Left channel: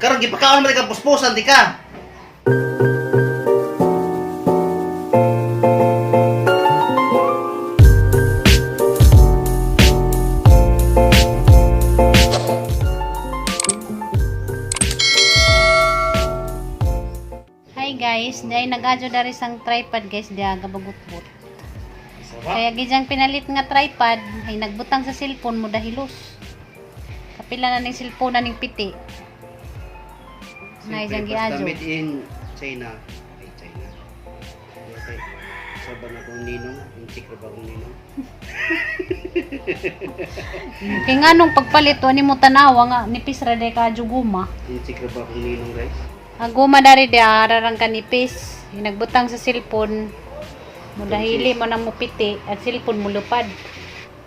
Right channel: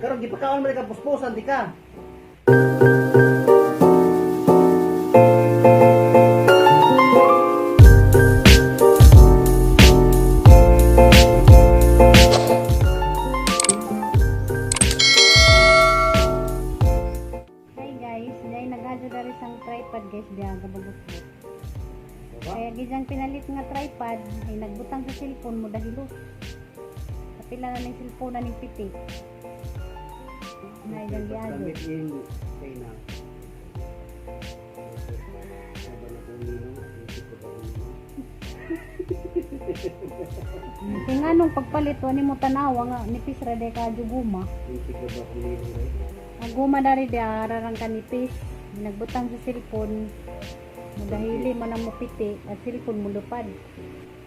Karon gipakaon man ka puspusan di ka. Hi guys, dahil nag-adyo dari sang tripod guys, diya gababutbut. Kaya gijang pinalit nga tripod ay nagbutang sa cellphone mo dahilos. Kapila na ning cellphone na ning piti. Na ijang giadyo. Made in China. Ay, China. Okay. Saban ako ninong, yung tikro ba akong ninong? Kaya nga nung pagpalit, wani mo tanawa nga, nipis ra day ka guma. Yung tikro ba akong ninong, guys? Guma dari dia ararang kanipis. Nagbutang sa cellphone. Mo dahili mo nang mupiti at cellphone mo lupad.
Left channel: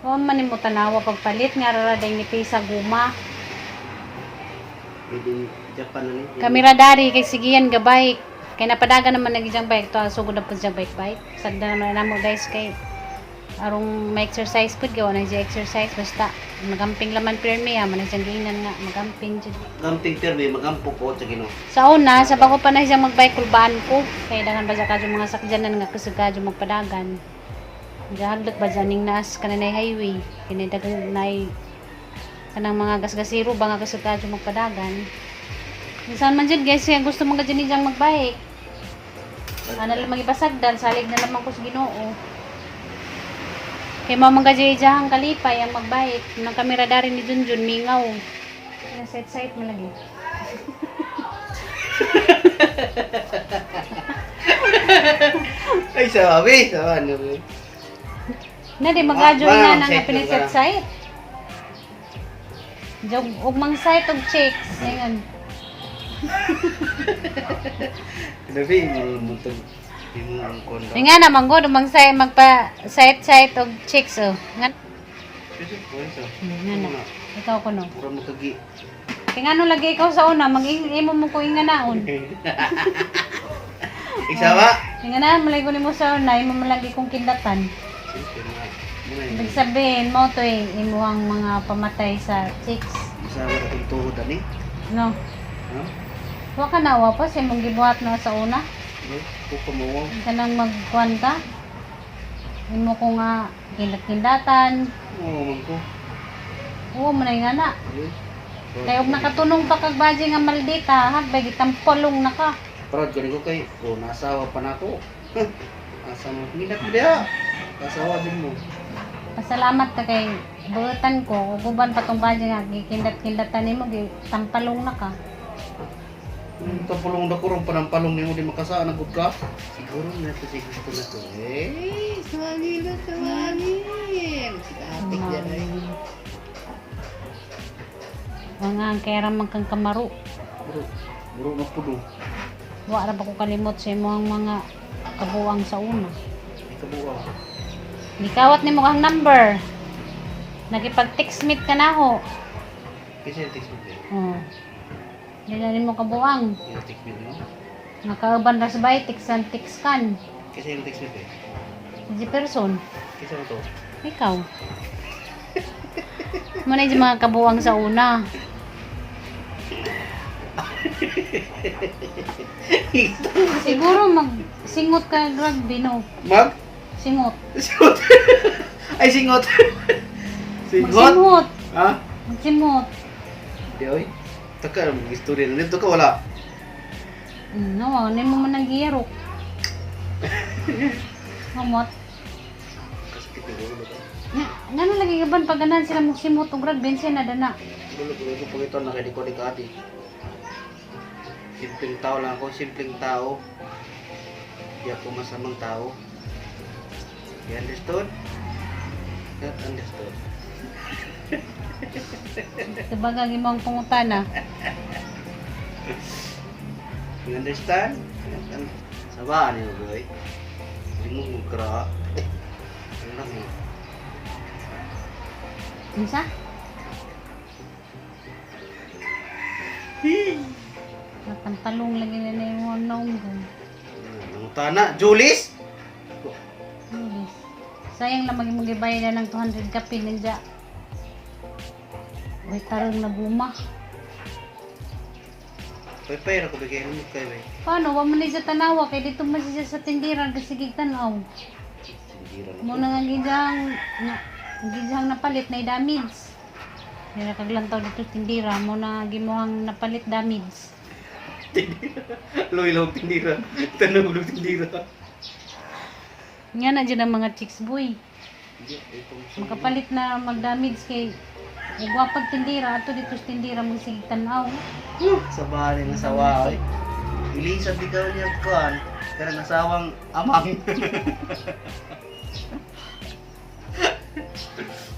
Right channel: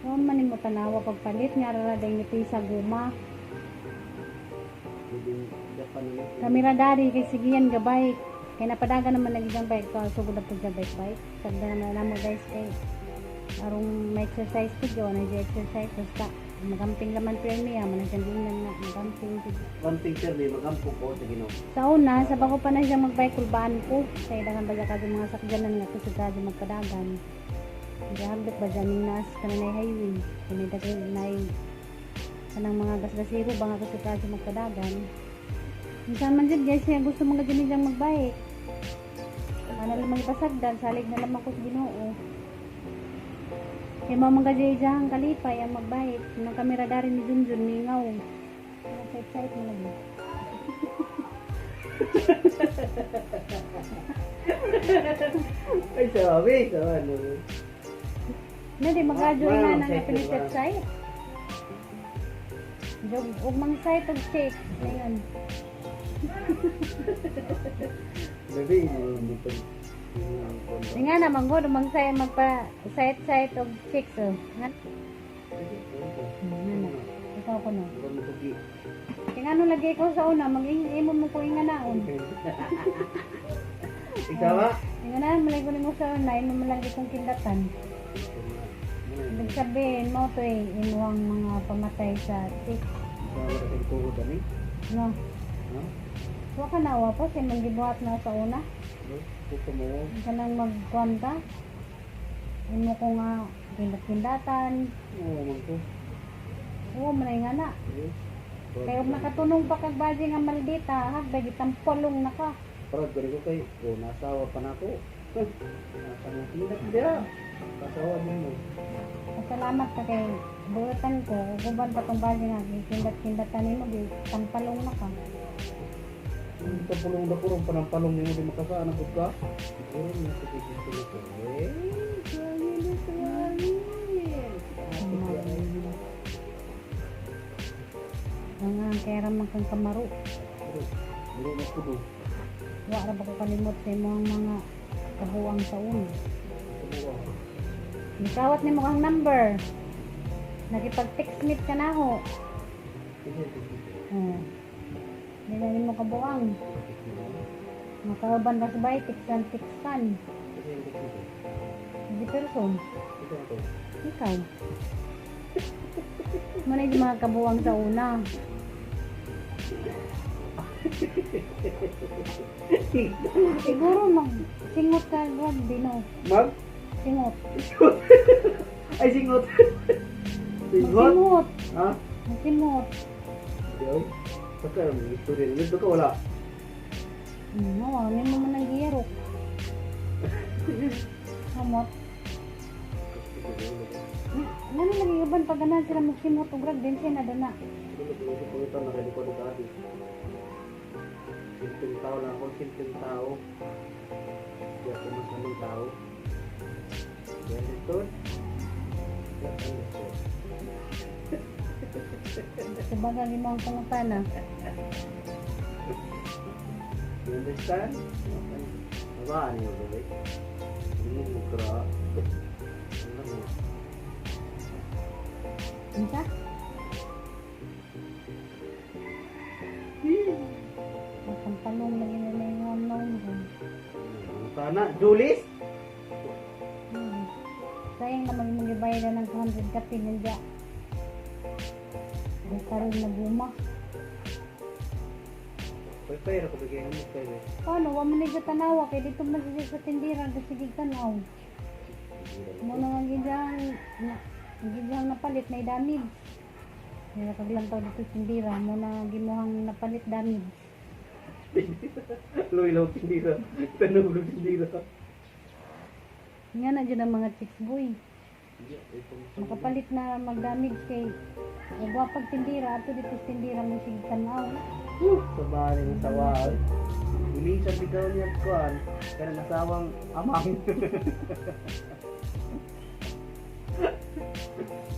O man mo tanawa pagpalit nga ra day nipis sa guma. Made in Japan na ni. Kamera dari kay sigiyan ga bike. Kay napadagan naman nagijang bike to sugod na pud sa bike. Sagda naman namo guys kay arong ma-exercise pud gawa na exercise basta magamping laman pirmi ha man siyang giingnan nga magamping jud. Camping termi, magampo po sa Ginoo. Sa una sa bako pa na siyang magbike kulbaan ko kay daghan ba ka mga sakyanan nga kusugad yung magpadagan. Gahaglot ba janing naas kanay highway kini daghan nay kanang mga gasgasiro ba nga kusugad yung magpadagan. Minsan man jud guys kaya gusto mga dyan niyang magbike. Ano lang magipasagdan salig na lamang ko sa Ginoo. Kay mamang gajay-jahang kalipay ang magbike ng kamera dari ni Junjun mingaw. Kaya set-site mo lagi. Ay, sabi, ano. Na di mag-adyo nga Wow, nga set piniset ka. site. Jog ugmang site og chicks. Ngayon. Labi, mulutog. Yung kondo. Nga naman go dumang site magpa site og chicks oh. Nga. Pwede po ito. Nga na. Ikaw ko no. Mura mo kagi. Kaya nga no lagi ikaw sa una mag-imo mo ko inga naon. Iksawa? Kaya na malay ko nimo sa una imo malagi kong kindatan. Siyempre mga. Muna Ibig yun. sabihin mo to imo ang mga pamatay sa chicks. Masama ka itong tuhod, ani? No. Ha? Wa ka na wa pa sa imong gibuhat na sa una. No? Puka mo. Kanang magkuan ka. Imo ko nga kindat-kindatan. Oo, man ko. Oo, manay nga na. Ayun. Kaya og nakatunong pa kag baji nga maldita, hagbay gitampolong na ka. Proud ko rin ko kay, nasawa pa na ako. Asa mo, pinginat mo diya. Kasawa din mo. Pasalamat ka kay buutan ko, uban pa tong baji nga gikindat-kindatan nimo gitampalong na ka. Ito pulong na kurong panampalong niyo di makasaan ang ka. Siguro na ito si gusto na to. Suwangi na, suwangi. Sikatik yan eh. Mga kaya man kang kamaro. Buro na puno. Wa ra ba ko kalimot sa imong mga kabuang sa una. Kabuwa. Nikawat nimo kang number. Nakipag-text meet ka na ho. Kasi yung text mo din. Oh. Dila nimo kabuang. Yung text mo din. Nakauban ra sa bay text kan. Kasi yung text mo din. Di person. Kasi ano to? Ikaw. Muna yung mga kabuang sa una. Siguro mag-singot ka rugby, no? Mag? Singot. Singot. Ay, singot. Singot? Magsingot. Ha? Magsingot. Hindi, oy. Taka, mag-istorya na. Dito ka, wala. No, ano mo man ang giyarok. Hamot. Kasi kita gulo ka. Nga lagi gaban pag ganan sila magsimot og rugby siya na dana. Gulo ko pag ito, nakadiko di ka ati. Simpleng tao lang ako, simpleng tao. Hindi ako masamang tao. You understood? Not understood. Sabagag imong pangutana. You understand? Sabaan niyo, boy. Hindi mo mukra. Ano lang eh. Unsa? Tampalong lagi na na yung naong ko. Ang tana, Julis? Yes. Sayang lang maging magibay na ng 200 kape nandiya. Uy, tarong na guma. Pay-pay ako bigay mo kay be. Paano? Wa mo na siya tanawa kay dito man siya sa tindiran kasi gigtanaw. Tindira na Mo ko. na nga gidang napalit na damage. Dira kaglantaw dito tindira mo na gimuhang napalit damage. Loy lang tindira. Tanong lo tindira. Nga na dyan ang mga chicks boy. Hindi, itong Makapalit na mag-damage kay gwapag tindira ato dito sa tindira mo sige tanaw. sa bahay ng asawa oy. Ilisan di ka niya kuan. Kanang asawang amang.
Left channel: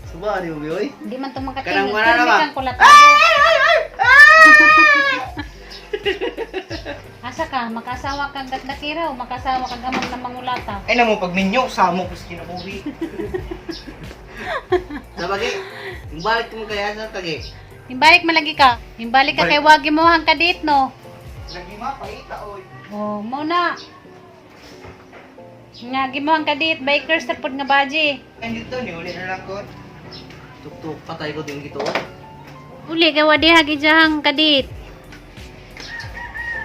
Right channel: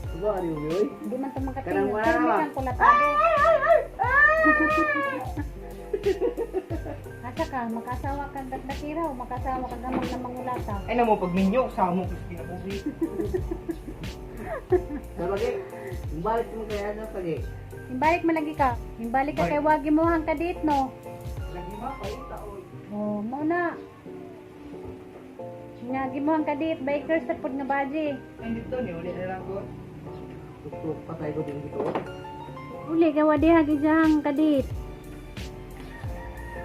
Sa bahay mo oy. Di man to Kanang makatingin. wala na ba? Kang kulat. Asa ka? Makasawa kang gatdakira o makasawa kang gamang na mangulata? Ay namo pag minyo sa mo kus kinabuhi. Sabagay. Yung balik mo kaya sa kage. Himbalik malagi ka. Himbalik ka kay wagi mo hang kadit no. Lagi ma paita oy. Oh, mo na. Nga gimuhang kadit bikers tapod nga baji. Ay dito ni uli na lang ko. Tuk-tuk patay ko din gito. Uli kay wadi hagi jahang kadit.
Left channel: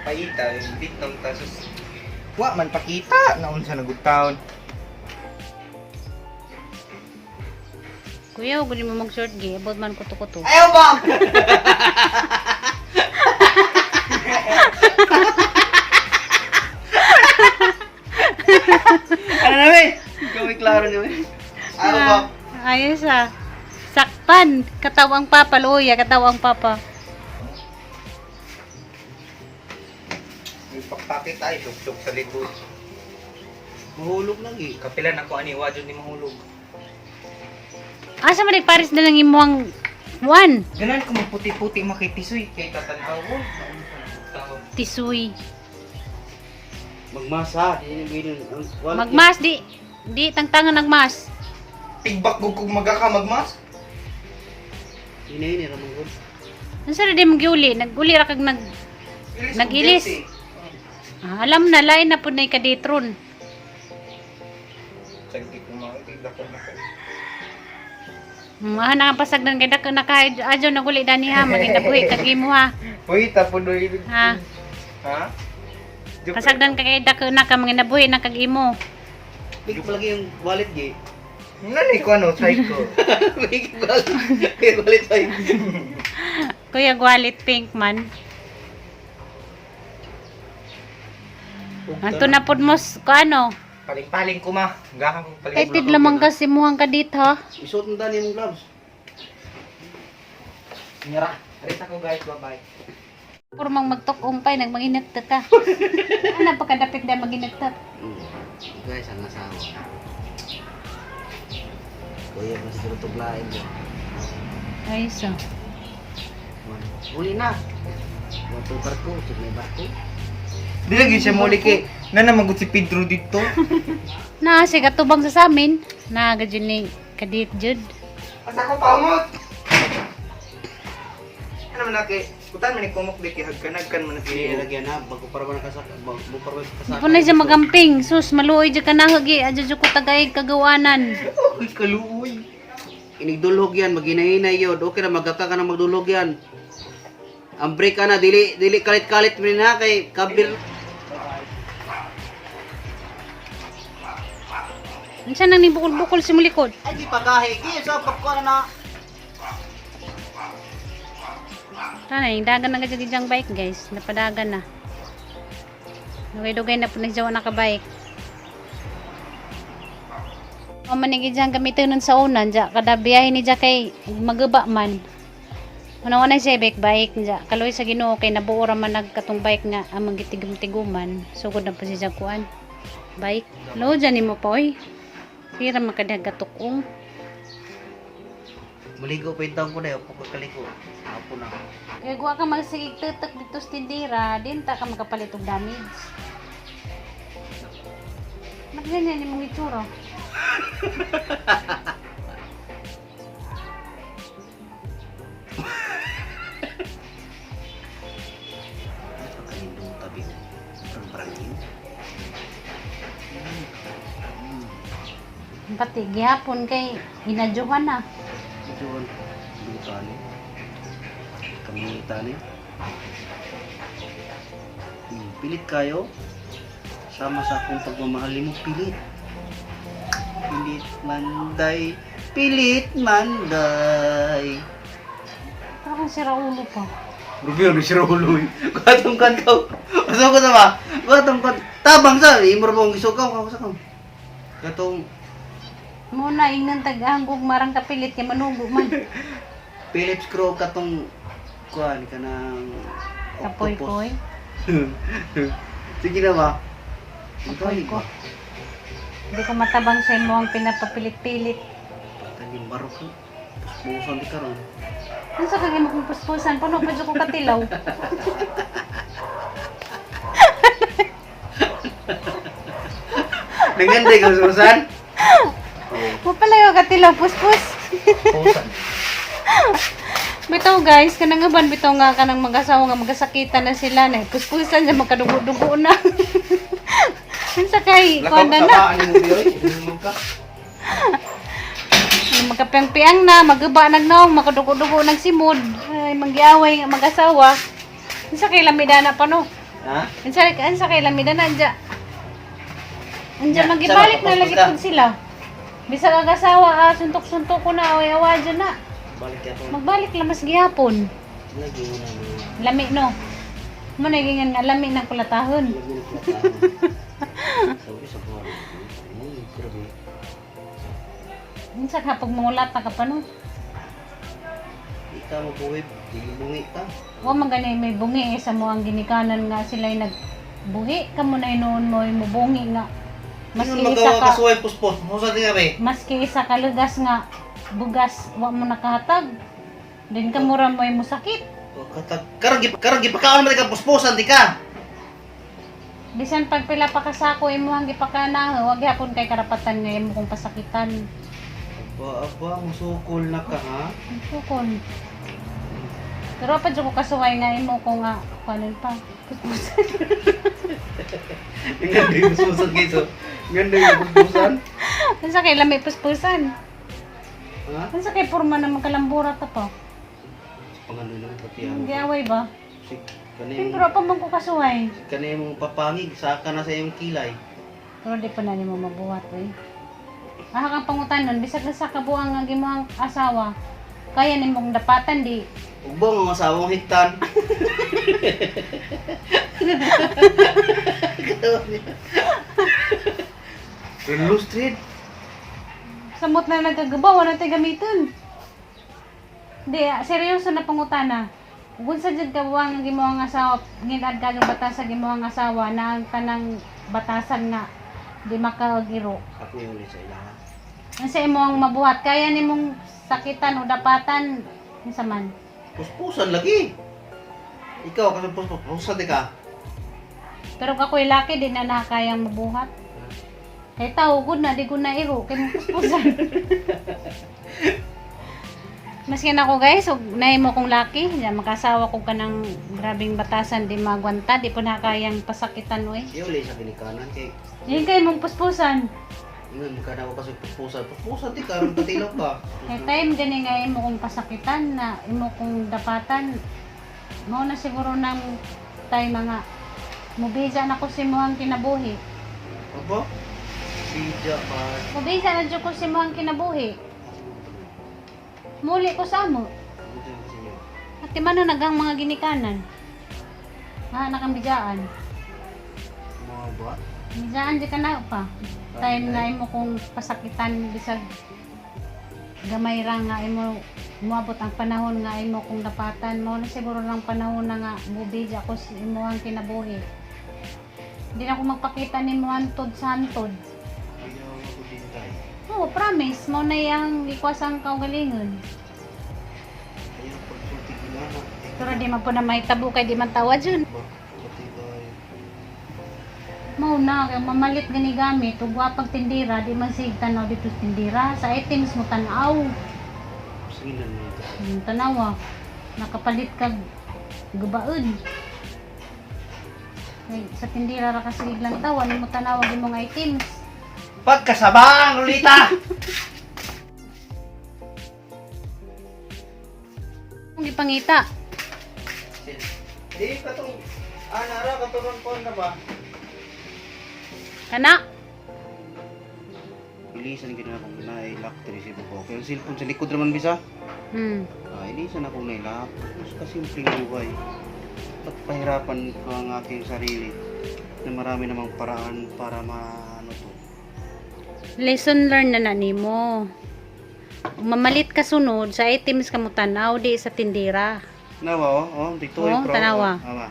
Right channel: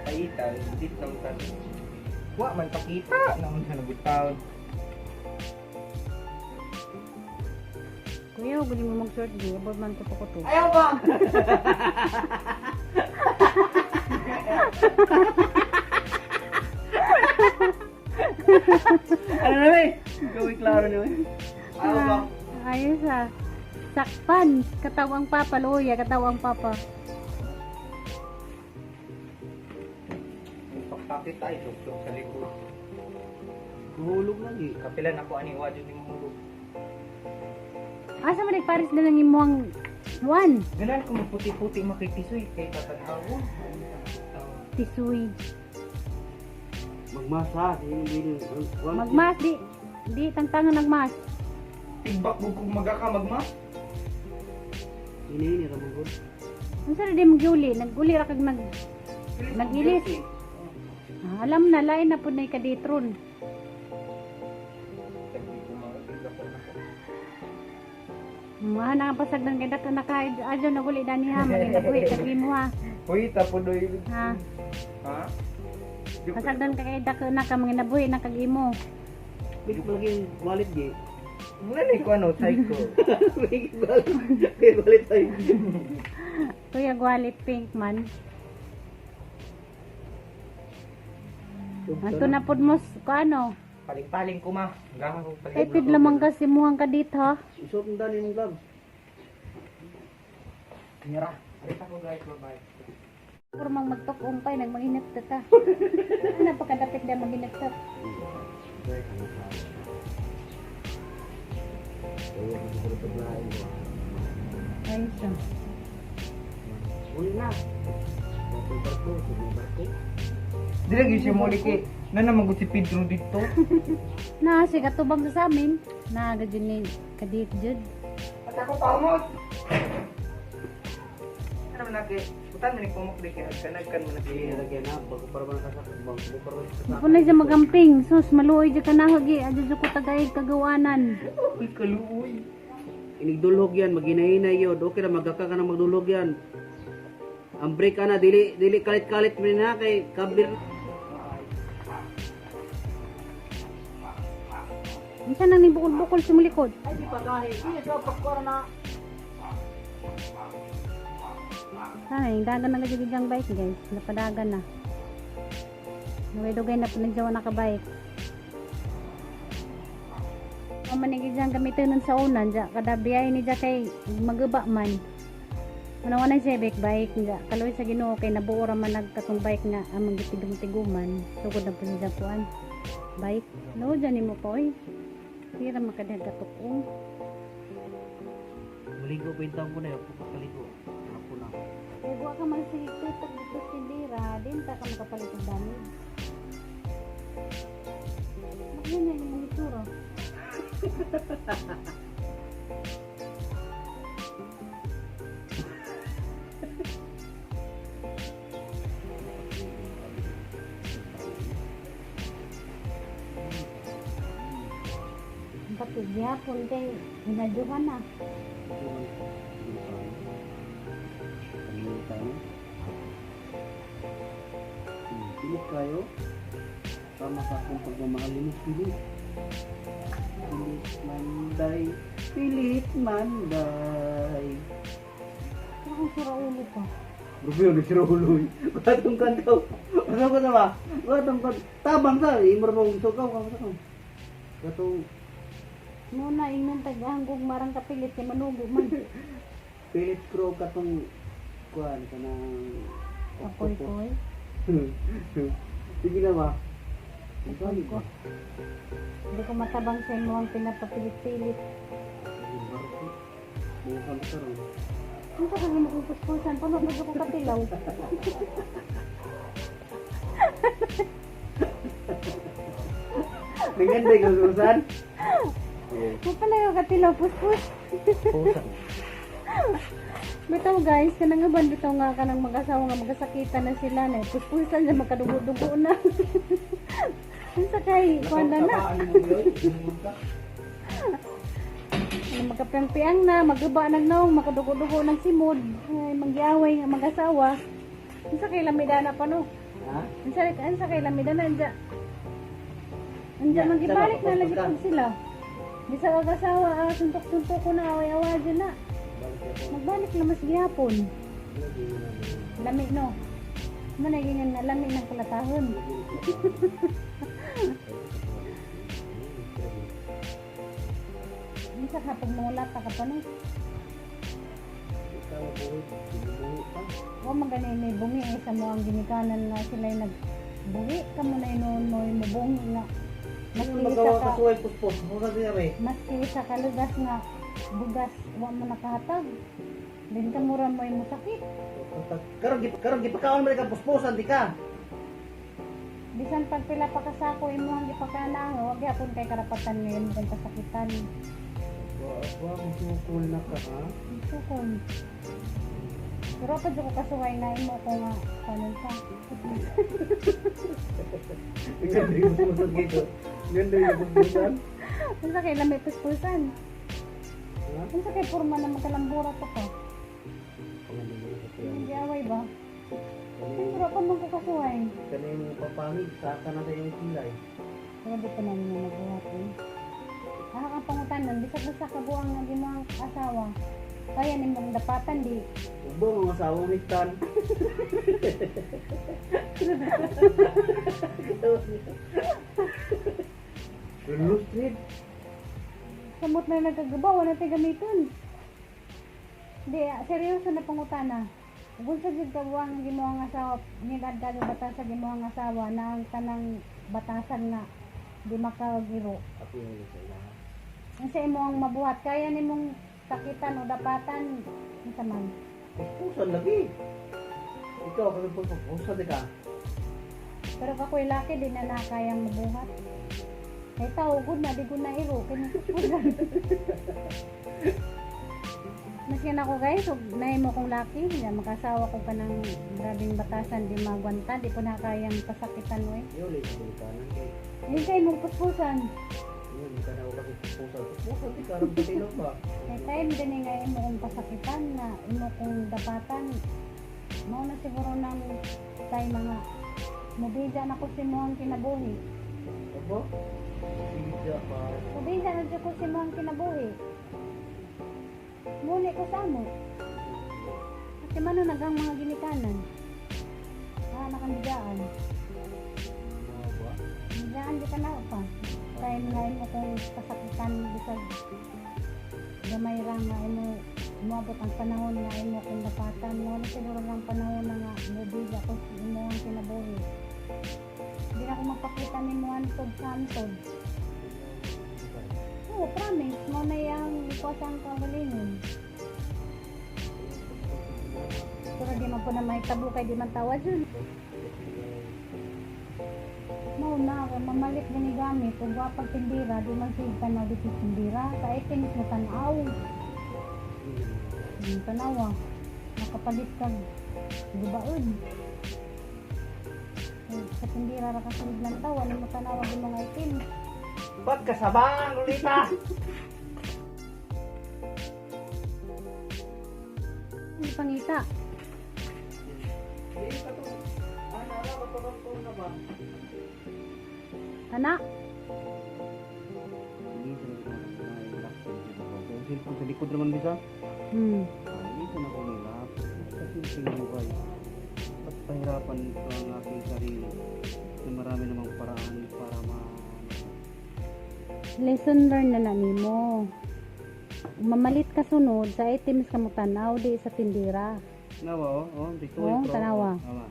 Paita bit nang tasos. Wa man pakita na unsa nagutaon. Kuya, ug mo mag short gi, abot man kuto-kuto. Ayaw ba? Ano namin? Ikaw may klaro namin. Ayaw ba? Ayos ah. Sakpan, katawang papa, luya, katawang papa. May pakpakit ay tuk sa likod. Mahulog lagi. Kapilan ako ani wa jud ni mahulog. Asa man ni Paris na lang imuhang one, Ganan ko maputi-puti makitisoy kay tatadawon. tisuy. Magmasa. Hindi Magmas di tangtangan nagmas. Tigbak gug kog magaka magmas. Ini ramang gud. Unsa na di mo giuli? Naguli ra kag Nagilis. alam na lain na pud nay kaditron. Sagdi ko magdako na ko. Maha na nga pasagdan kay dako nakaid adyo naguli dani ha maginabuhi kag imo ha. Uy tapon do ibig. Ha. Ha? Joke. Pasagdan kay dako na ka maginabuhi na kag imo. Big lagi yung wallet gi. Nani ko ano psycho. Big wallet. Big wallet ay. Kuya Gwalit Pink man. Anto na pud mo ano? Paling-paling ko ma. Gahan ko paling. Excited lamang kasi muhang kadit ha. Isuot mo tani mong gloves. Nyara. Arita ko guys, bye-bye. Puro mang magtok-umpay nagmanginagtat ka. Ano pa kadapit na maginagtat? Guys, ang asawa. Kuya, masiguro tuglain mo. Ay so. Uli na. Wato barko, may barko. Di lagi siya muli kay na namagod si Pedro dito. Na si katubang sa amin. Na gadyo ni kadit jud. Asa ko paumot. Ano man kay kutan man ni kumok di kay hagkanagkan man Ini kay. lagyan na, bago para ba nakasak, bago para ba nakasak. Ipo na siya magamping. Sus maluoy jud ka na hagi. Adyo jud ko tagay kagawanan. Uy kaluoy. Inigdulhog yan, maghinay-hinay yun. Okay na, magkaka ka na magdulhog yan. Ang break ka na, dili kalit-kalit mo rin ha, kay kabir. Unsa nang ni bukol-bukol si mulikod? Ay, di pagahe. Kaya sa popcorn na. Tanay, dagan na gadyo dijang bike guys. Napadagan na. Dugay-dugay na po nagjawa na ka-bike. O manigi dyan gamitin nun sa unan, dya, kada biyahe ni dya kay magaba man. Una-una siya bike dya, kaloy sa Ginoo kay nabuo ra man nagkatong bike nga amang gitigum-tiguman. Sugod na po siya kuan. Bike. Lo dyan mo pa oy. Sira makadaгаtukong. Maligo pa yung taong ko na yun, pagkakaliko. Apo na. Kaya guwa ka magsigig tutok dito sa tindira, din ta ka makapalit og damage. Nakaganyan ni mong itsura. Napakalimbong tabi. Ang parangin. Pati gihapon kay hinadyohan na. Ito ang kamitan. Kamitan eh. Pilit kayo. Sama sa akong pagmamahal mo, pilit. Pilit manday, pilit manday. Parang sira ulo pa. Rubio, no sira ulo. Katong kantaw. Masuk ko na ba? Katong kantaw. Tabang sa, imor mong isukaw. Kamusta ka? Katong Muna, ingnan taga-hanggog marang kapilit kay manugo man. Philips Crow katong kuan ka ng Kapoy-poy. Sige na ba? Kapoy ko. Hindi ko matabang sa imo ang pinapapilit-pilit. Taging barok ko. Buusan di karon. Ano sa kagay mo kong puspusan? Paano pa dyan ko katilaw? Nanganday ka susan? Mo pala yung katilaw, puspus. Pusan. Bitaw guys, kanang nga ban bitaw nga kanang mag-asawa nga magasakitan na sila na puspusan na magkadugo-dugo na. Unsa kay kuan na na. Sabaan mo biyoy. Ka. Magkapiang-piang na, magaba nagnaong, makadugo-dugo ng simod. Ay, maggiaway nga mag-asawa. Unsa kay lamida na pa no? Ha? Unsa kay lamida na anja. Anja Ya, magibalik sama, na lagi kapos pud sila. Bisagag-asawa, suntok-suntok ko na away-awa dyan na. Balik ako. Magbalik lang mas gihapon. Lagi mo na mo. Lami no. Mo nagingan nga lami ng kulatahon. Lagi na ko. Sabi sa kuwan. Grabe. Unsa ka pag mangulat ka pa no? Ikaw mo buhay, dilungi ka. Wa man gani may bungi sa mo ang ginikanan nga sila nagbuhi ka mo na noon mo bungi nga. Maski Maski isa magawa ka ka suway puspos. Musa di rin. maski isa ka lugas nga bugas wa mo nakahatag. Din ka mura mo mo sakit. Karang gipakaon man ka pusposan di ka. Bisan pag pila pa ka sako imuhang gipakana, wag gyapon kay karapatan nga imo kung pasakitan. Aba, musukol na ka ha. Sukon. Pero pa jud ko kasuway nga imo ko nga kanin pa. Ganda yung pusposan kayo. Ganda yung pusposan. Unsa kay lami puspusan? Ha? Unsa kay porma na magkalambura ta pa? Pangano lang pati ang. Giaway ba? Kanay Pero pa man ko kasuway. mong papangig, saka na sa iyong kilay. Pero di pa na nimo mabuhat eh. Kang pangutanon bisag sa kabuang nga gimoang asawa. Kaya nimong dapatan di. Ug ba mga asawang hiktan? Illustrated. Samot na nagagabaw na tay gamiton. Di, seryoso na pangutana. Kung sa jud kabuang nga gimoang asawa, ngilad ka nga batasan gimoang asawa na ang tanang batasan nga di makagiro. Ako yung ulit sa ilaha. Ang sa imong mabuhat kaya nimong sakitan o dapatan unsa man. Puspusan lagi. Ikaw kasi puspusan di ka. Pero kakoy laki din na nakakayang mabuhat. Kay tao gud na di ko na iro kay puspusan. Maski na ako guys, ug nahimo kong laki, ya makasawa ko kanang grabing batasan di magwanta, di po nakayang pasakitan oy. Iyo ulit sa pinikanan kay. Yun kay mong puspusan. Ingon ka na ako kasi puspusan. Puspusan di ka, ron patilaw ka. Kay time gani nga imo kong pasakitan na imo kong dapatan. Mao na siguro nang time mga mubisa na ko si moang kinabuhi. Aba? Sija pa. Mubisa na jud ko si moang kinabuhi. Muli ko sa amo. At man na nagang mga ginikanan. Nakang bijaan. Mga ba? Bijaan di ka na pa. Time nga imo kung pasakitan bisag gamay ra nga imo moabot ang panahon nga imo kung dapatan mo na siguro lang panahon na nga mubidya ko sa imo ang kinabuhi. Hindi na ako magpakita ni mo antod sa antod. Ayaw ako din tayo. Oo, promise mo na yung ikwasang kaugalingon. Ayaw pagsulti ginana. Pero di man po na may tabo kay di man tawad yun. Ba? Pati tayo. Mao na kay mamalit gani gamit ug wa pag tindira di man sig tanaw dito sa tindira sa items mo tan-aw. Sige na nito. Yung tanawa nakapalit kag gubaon. Ay, sa tindira ra kasi lang tawan mo tanawa di mga items. Pagkasabang, Lolita! Hindi pangita. Eh, katong Ana ra katuron ko na ba? Kana? Bilisan gid na kung na-lock to si ko. Kaya ang cellphone sa likod naman bisa. Bilisan ako na-lock. Mas kasimpleng buhay. Ba't pahirapan ko ang aking sarili na marami namang paraan para ano to. Lesson learned na nimo. Mamalit ka sunod sa items ka mo tanaw di sa tindera. Nawa dito Oh, tanawa. Ama.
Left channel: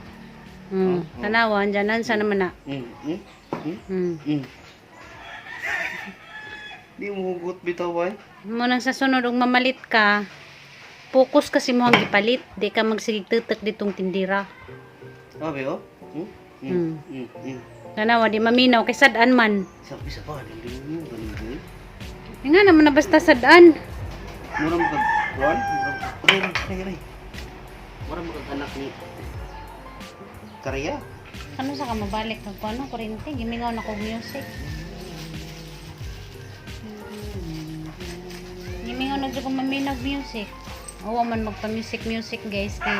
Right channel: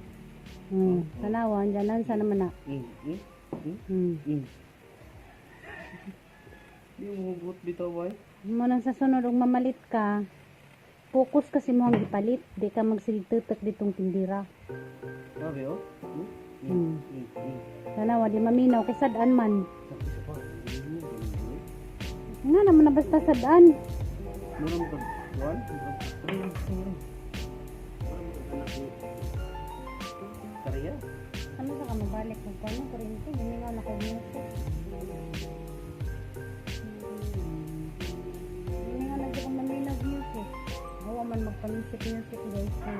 Tanawa andyan sa naman na. Di mo hugot bitaw bay. Mo nang sa sunod og mamalit ka, focus kasi mo ang gipalit, di ka magsigtutok ditong tindera. Sabi oh. Tanawa di maminaw kay sad-an man. Sabi sa pa, hindi mo ganun. Nga naman na basta sad-an. Mura mo kag kuan, ray. Mura mo kag anak ni Karya. Ano sa ka mabalik kag kuno kurente, gimingaw na ko music. Gimingaw na jud ko maminaw music. Awa man magpa-music guys kay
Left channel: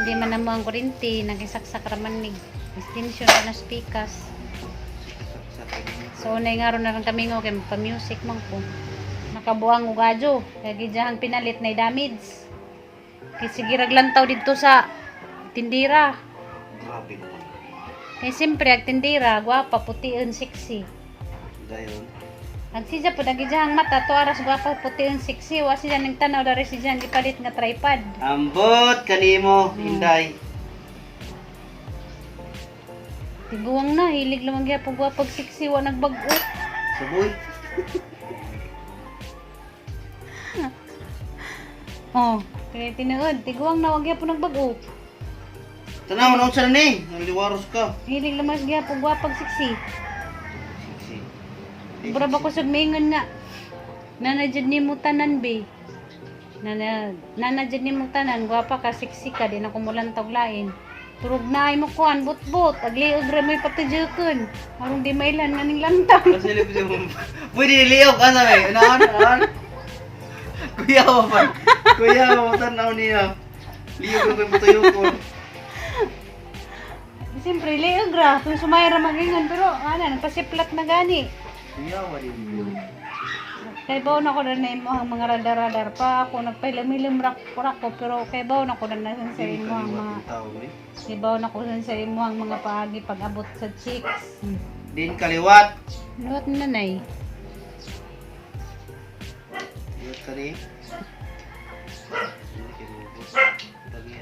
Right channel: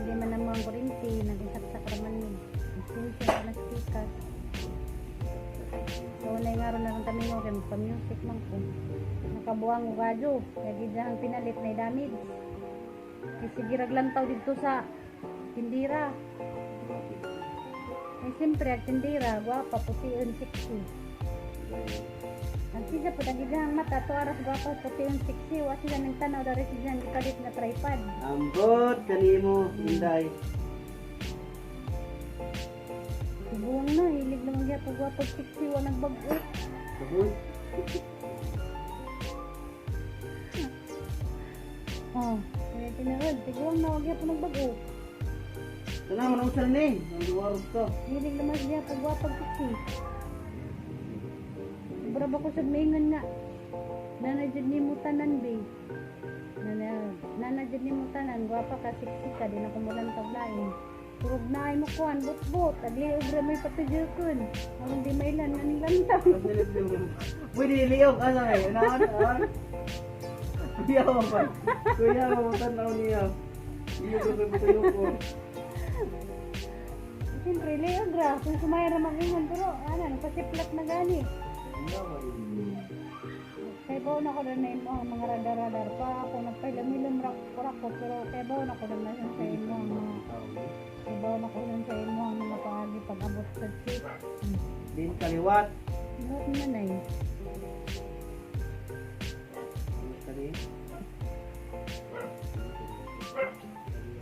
hindi man na mo ang kurente, nagisaksak raman mig extension na speakers. So nay nga ron na rin kami nga kay magpa-music man ko. Nakabuang og adyo, kay gidyahan pinalit na damage. Kay sige raglantaw dito sa tindira. Grabe naman. Kay siyempre ag tindira, gwapa, putiin, sexy. Dayon. Ang siya po nagijahang mata, to aras gwapa, putiin, sexy. Wa siya nang tanaw dari siya gipalit nga tripod. Ambot kanimo, Inday. Tiguang na, hilig lamang gyapon gwapa, sexy, wa nagbag-o. Suboy. Oh, tininood, tiguang na wag gyapon nagbag-o. Tanaw na unsa na ni? Naliwaros ka. Hilig lamang gyapon gwapa, sexy. Siksi. Bura ba ko sa mingon nga. Nanadjud ni mo tanan be. Nanadjud ni mo tanan, gwapa ka, sexy ka, di na kumulantog lain. Turog na ay mo kuan, bot-bot, agliog ra may patidjukon. Arong di mailan nga ning lantang. Kasi lip siya mo. Pwede niliyok ka sa may. Ano? Kuya mo pa. Kuya mo tanaw niya. Liyok ko yung butayo ko. Siyempre, liog ra. Kung sumayra magingan, pero ano, nagpasiplat na gani. Kuya mo din. Kay baon ako na na mo ang mga radar-radar pa. Ako nagpailam-ilam ko, pero kay baon ako na sa imo ang mga... Kay baon ako sa imo ang mga paagi pag-abot sa chicks. Din kaliwat. Luwat na nanay. Liwat ka ni.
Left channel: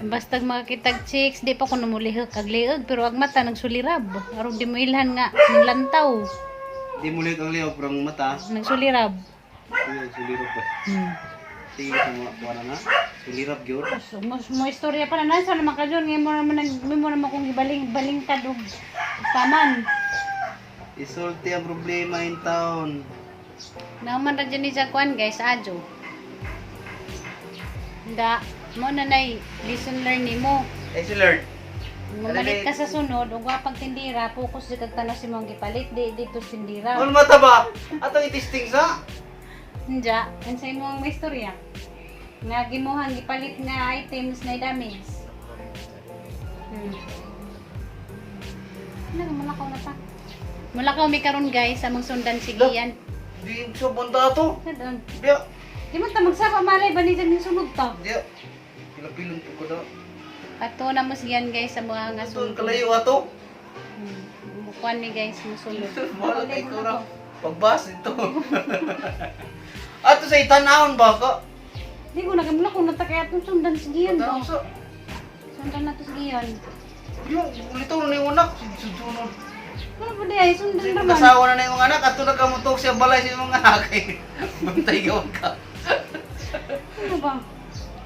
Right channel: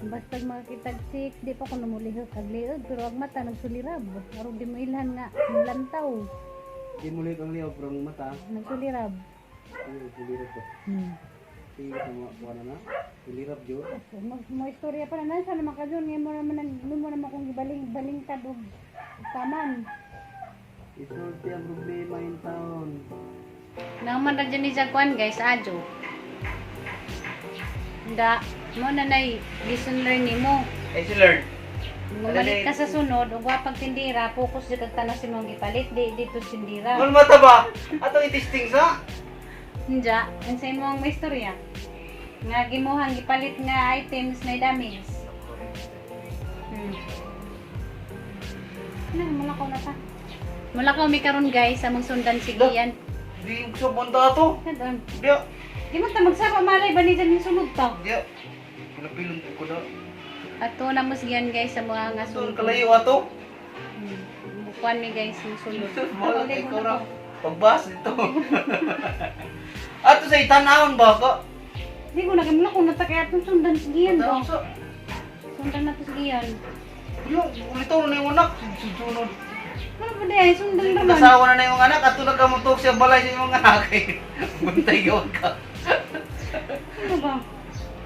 Basta makakitag chicks, di pa ko namulihok ag liog, pero ag mata nagsulirab. Aron di mo ilhan nga, ng lantaw. Di mo liwat ang liyaw, pero ang mata. Nagsulirab. Kuya, sulirap ba? Sige sa mga kuha na nga. Sulirap yun. So, mo istorya pa na nasa naman ka dyan. Ngayon mo naman kung balingkad o taman. Isulti ang problema in town. Naman lang dyan ni Jaguan guys, adyo. Handa, mo na listen learn ni mo. Learn. Mamalit ka sa sunod, o wapag tindira, focus di kagtanas si mong gipalit, di dito tindira. Ano mata ba? Ato itisting sa? Handa, ansay mo ang may istorya. Nga gimuhang gipalit nga items na damage. Ano, mulakaw na ta. Mulakaw mi karon guys, among sundan sigiyan. Di sa banda to. Kadon. Di. Di mo ta magsapa malay ba ni yung sunod ta? Di. Pilapilon ko da. Ato na mo siyan guys sa mga nga Doon sunod. kalayo ato. Bukuan ni guys yung sunod. Wala kay ko na. Pagbas dito. Ato sa itanahon ba ka? Di ko nagamula kung natakay atong sundan sigiyan ba? Sa. Sundan na to sigiyan. Yung ulito na yung anak. Sunod. Ano ba di ay sundan naman? Nasawa na na yung anak. Ato nagkamutok siya balay sa yung anak. Bantay gawin ka. Ano ba?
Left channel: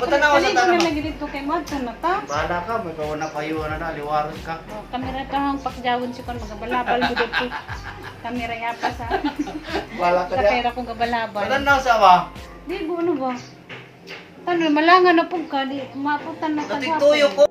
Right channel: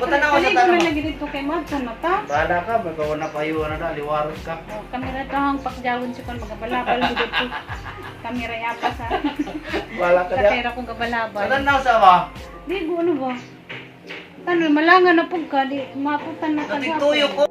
Patanaw sa Kaligo na tanong. lagi dito kay Madson na ta. Bahala ka. May kawan na payo na liwaros ka. O, kamera to hang pakjawon si kon magabalabal dito. Kamera yapa sa. Bahala ka Sa niya. pera kong gabalabal. Patanaw sa ba? Di ko ano ba? Tanoy malangan na pug ka di maputan na Natigtuyo ko.